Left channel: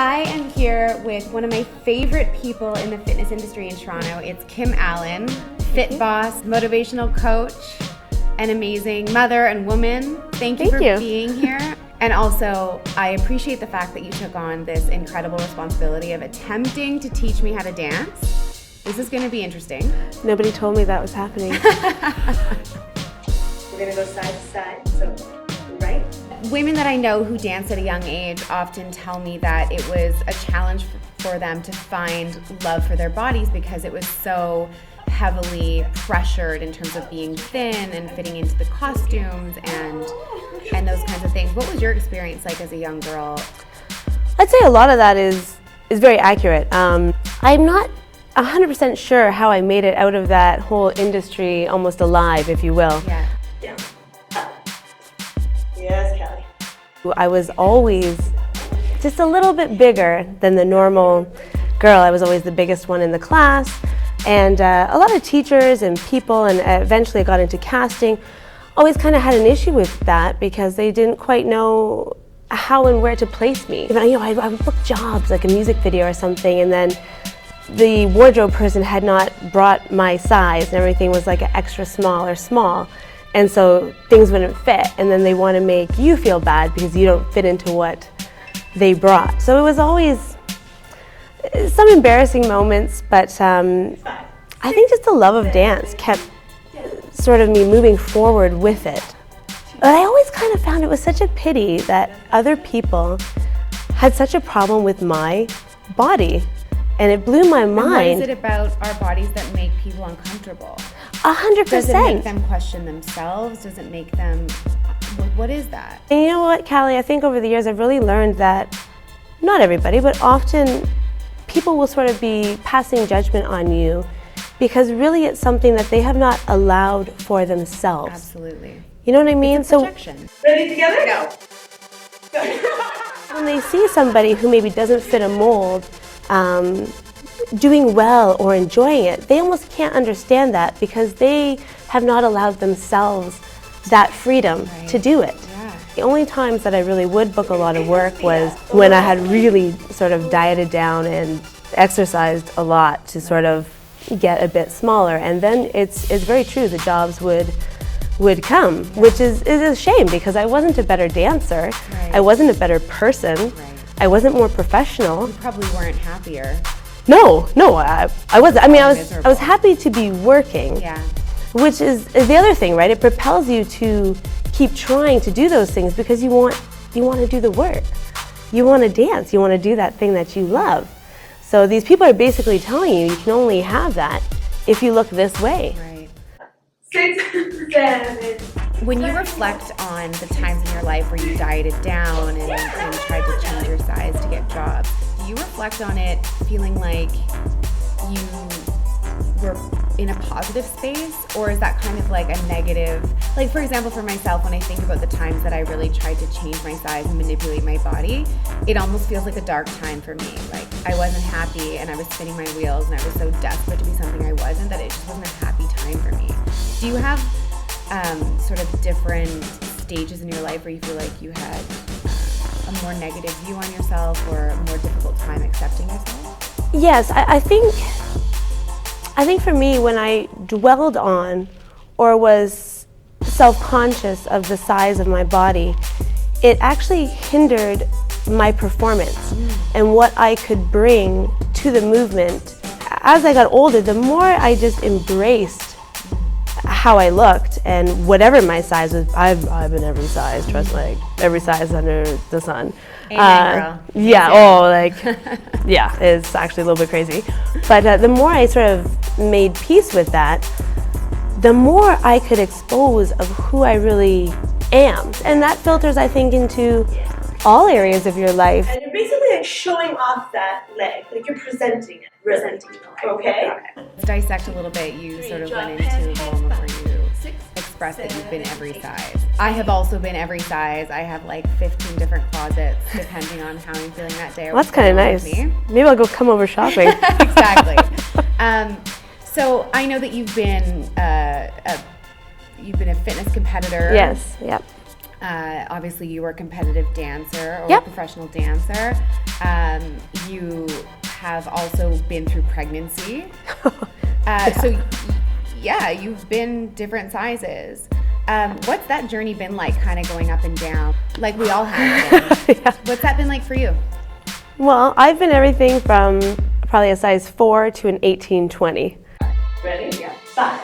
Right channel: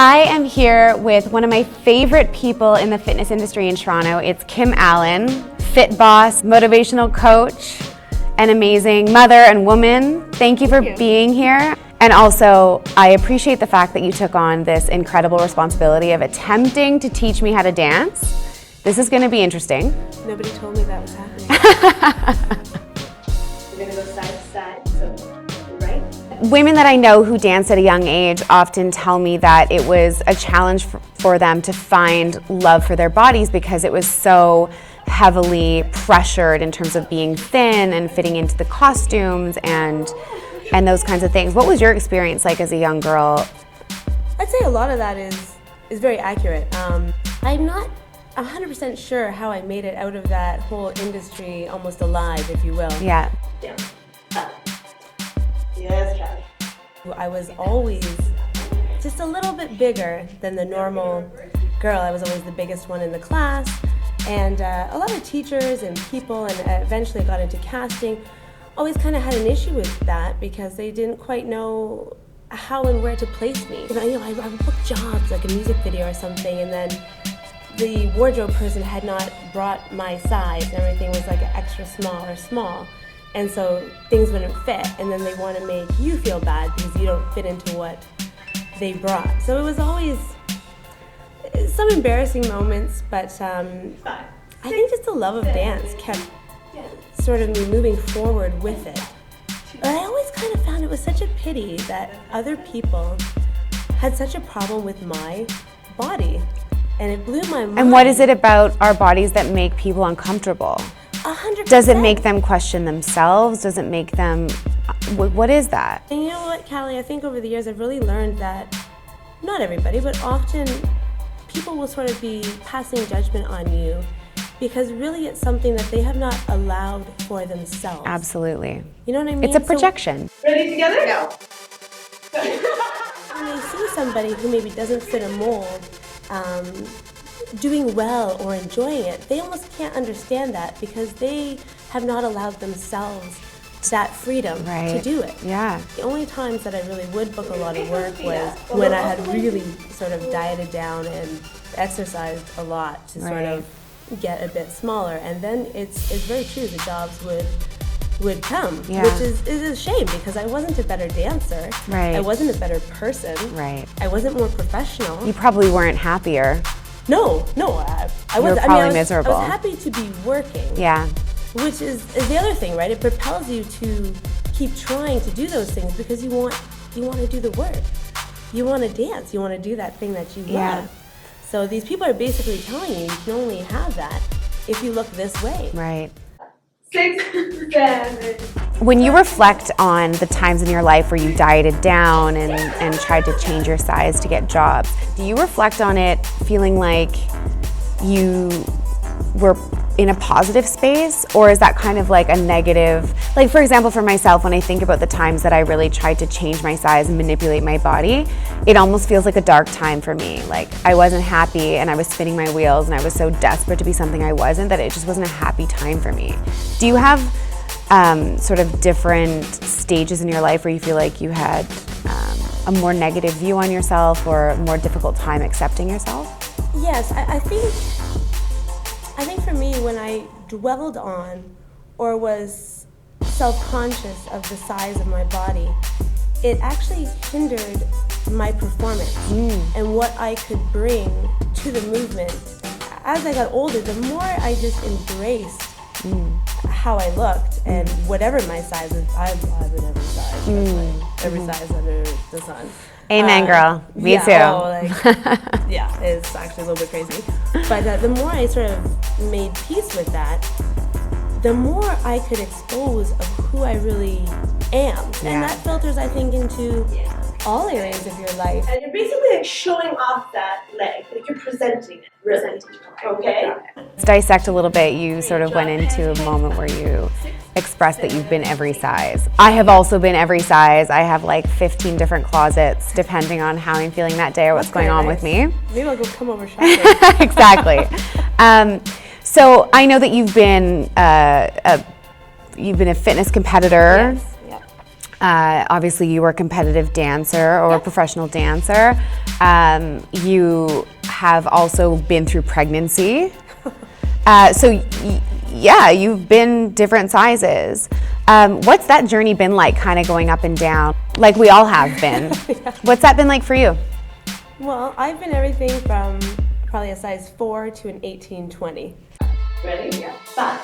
I am here with one of my favorite people in the fitness industry in Toronto. It's Kim Allan, fit boss, motivational coach, an amazing mother and woman. Thank you for being here. And also, I appreciate the fact that you took on this incredible responsibility of attempting to teach me how to dance. This is going to be interesting. Nobody told me that was happening. We're going to go side to side, so right. Women that I know who dance at a young age often tell me that it was a challenge for them to find love for their bodies because it was so heavily pressured in terms of being thin and fitting into the costumes and those kinds of things. What was your experience like as a young girl? I'd say a lot of that is very accurate. I'm not 100% sure how I made it out of that whole industry almost alive, if you will. Yeah. Yeah. Yes, Kelly. I was always just a little bit bigger than the normal girl. I was always the biggest one in the class. And a lot of teachers and people, and eventually I got into casting, always kind of had an issue with that because they didn't quite know how and where to place me. I would book jobs, like a music video or something, and then the wardrobe person had not brought my size, and everything was like extra small or small. And so things wouldn't fit, and then they want to make you feel bad because you don't fit into what they brought. So it was always some embarrassing moments, but I think just the love of dance kept sort of me moving forward with it. But I always kind of found it was such a pity that other people had such a problem with my body, and it blew my mind. And what is it about our bodies that make people uncomfortable? 100%. Does it make them question themselves? Does it make them, what is that? And you know what, Callie, I think over the years I've really learned that not everybody, but often people will sort of be passing judgment on you because really it's something that they have not allowed for themselves. Absolutely. You know what I mean? It's a projection. Ready together? No. When they see somebody who maybe doesn't fit a mold, doing well or enjoying it, they almost can't understand that because they have not allowed themselves that freedom to do it. Yeah. The only times that I really would book a lot of work was when I had really sort of dieted down and exercised a lot to sort of get a bit smaller, and then it's very true, the jobs would come, which is a shame because I wasn't a better dancer. Right. I wasn't a better person. Right. I wasn't more professional. You probably weren't happier. No, I wasn't. I was happy to be working. Yeah. Which is the other thing, right? It propels you to keep trying to do those things because you want to do the work. You want to dance. You want to do that thing that you love. So these people are basically telling you can only have that if you look this way. Right. 6, 7. When you reflect on the times in your life where you dieted down and tried to change your size to get jobs, do you reflect on it feeling like you were in a positive space, or is that kind of like a negative? Like, for example, for myself, when I think about the times that I really tried to change my size and manipulate my body, it almost feels like a dark time for me. Like, I wasn't happy and I was spinning my wheels and I was so desperate to be something I wasn't that it just wasn't a happy time for me. Do you have sort of different stages in your life where you feel like you had a more negative view on yourself or a more difficult time accepting yourself? Yes, I think for me, when I dwelled on or was self-conscious of the size of my body, it actually hindered my performance and what I could bring to the movement. As I got older, the more I just embraced how I looked and whatever my size was. I've been every size, just like every size under the sun. Amen, girl. Me too. It's actually a little bit crazy. But the more I sort of made peace with that, the more I could expose of who I really am. And that filters, I think, into all areas of your life. And you're basically like showing off that leg, like you're presenting it, okay? Let's dissect a little bit. You sort of went into a moment where you expressed that you've been every size. I have also been every size. I have like 15 different closets depending on how I'm feeling that day or what's going on with me. Maybe I'll go come over shopping. Exactly. So I know that you've been a fitness competitor. Yes. Yep. Obviously, you were a competitive dancer or a professional dancer. You have also been through pregnancy. Yeah, you've been different sizes. What's that journey been like, kind of going up and down, like we all have been? What's that been like for you? Well, I've been everything from probably a size 4 to an 18-20. Ready? Yeah. 5,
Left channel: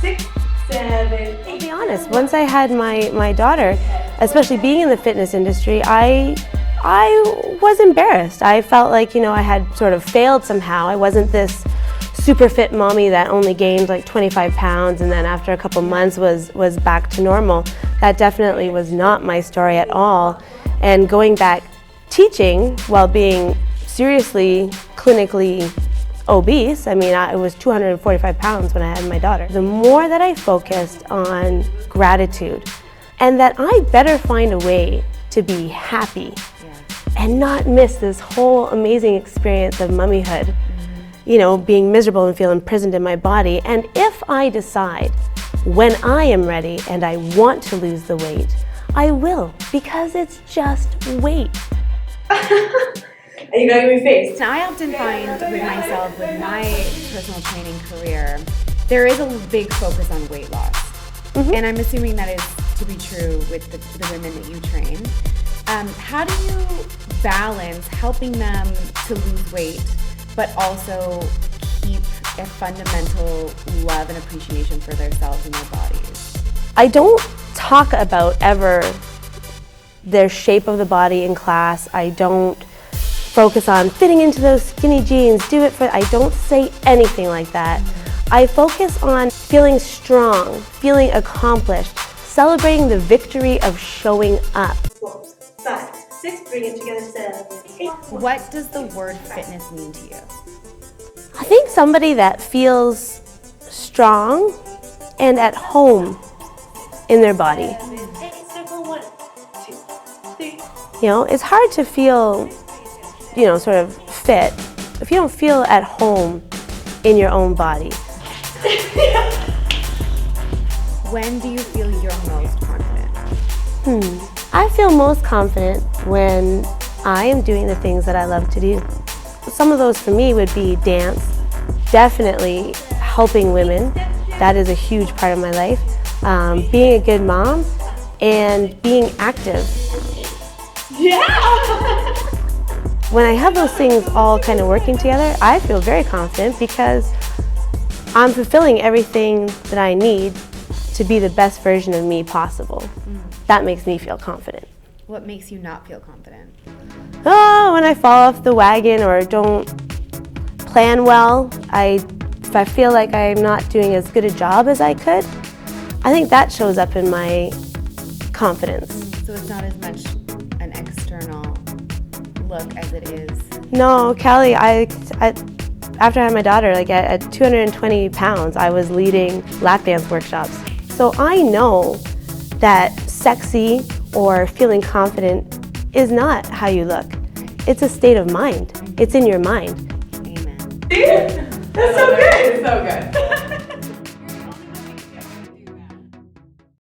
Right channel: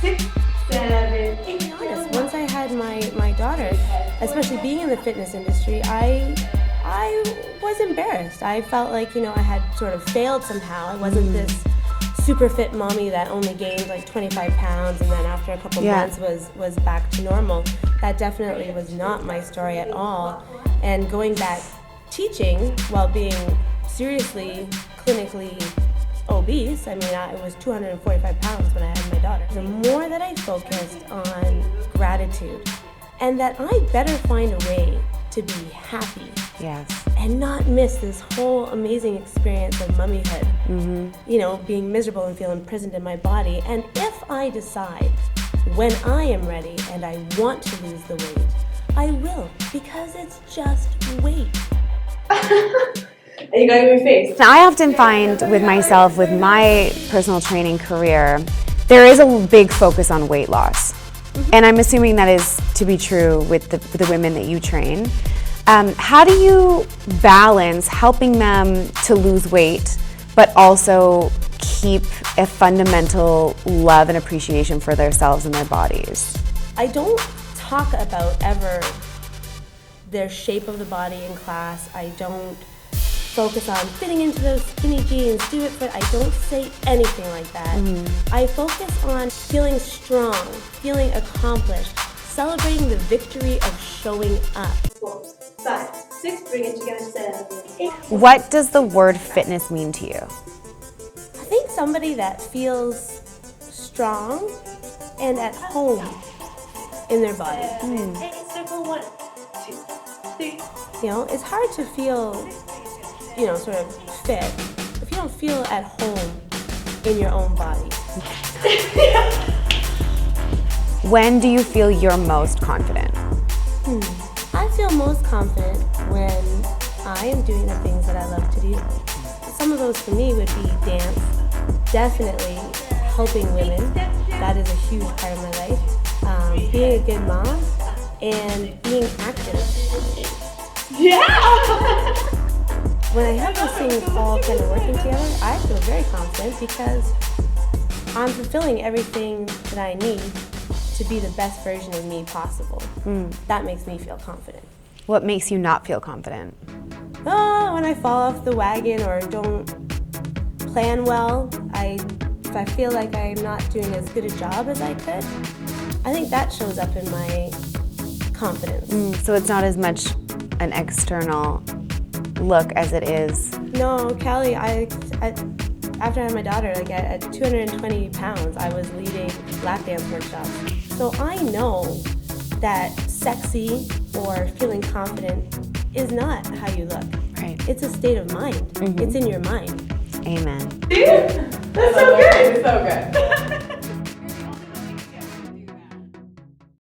6, 7, 8. To be honest, once I had my daughter, especially being in the fitness industry, I was embarrassed. I felt like, I had sort of failed somehow. I wasn't this super fit mommy that only gained like 25 pounds and then after a couple months was back to normal. That definitely was not my story at all. And going back teaching while being seriously clinically obese, I mean, I was 245 pounds when I had my daughter. The more that I focused on gratitude and that I better find a way to be happy and not miss this whole amazing experience of mommyhood, being miserable and feel imprisoned in my body. And if I decide when I am ready and I want to lose the weight, I will, because it's just weight. And you gotta give me face. I often find with myself, with my personal training career, there is a big focus on weight loss. And I'm assuming that is to be true with the women that you train. How do you balance helping them to lose weight, but also keep a fundamental love and appreciation for themselves and their bodies? I don't talk about ever their shape of the body in class. I don't focus on fitting into those skinny jeans, I don't say anything like that. I focus on feeling strong, feeling accomplished, celebrating the victory of showing up. 5, 6, bring it together, 7, 8. What does the word fitness mean to you? I think somebody that feels strong and at home in their body. Circle 1, 2, 3. It's hard to feel, sort of fit if you don't feel at home in your own body. When do you feel you're most confident? I feel most confident when I am doing the things that I love to do. Some of those for me would be dance, definitely helping women. That is a huge part of my life. Being a good mom and being active. Yeah! When I have those things all kind of working together, I feel very confident because I'm fulfilling everything that I need to be the best version of me possible. That makes me feel confident. What makes you not feel confident? When I fall off the wagon or don't plan well, if I feel like I'm not doing as good a job as I could, I think that shows up in my confidence. So it's not as much an external look as it is. No, Callie, after I had my daughter, at 220 pounds, I was leading lap dance workshops. So I know that sexy or feeling confident is not how you look. Right. It's a state of mind. It's in your mind. Amen. That's so good. It's so good.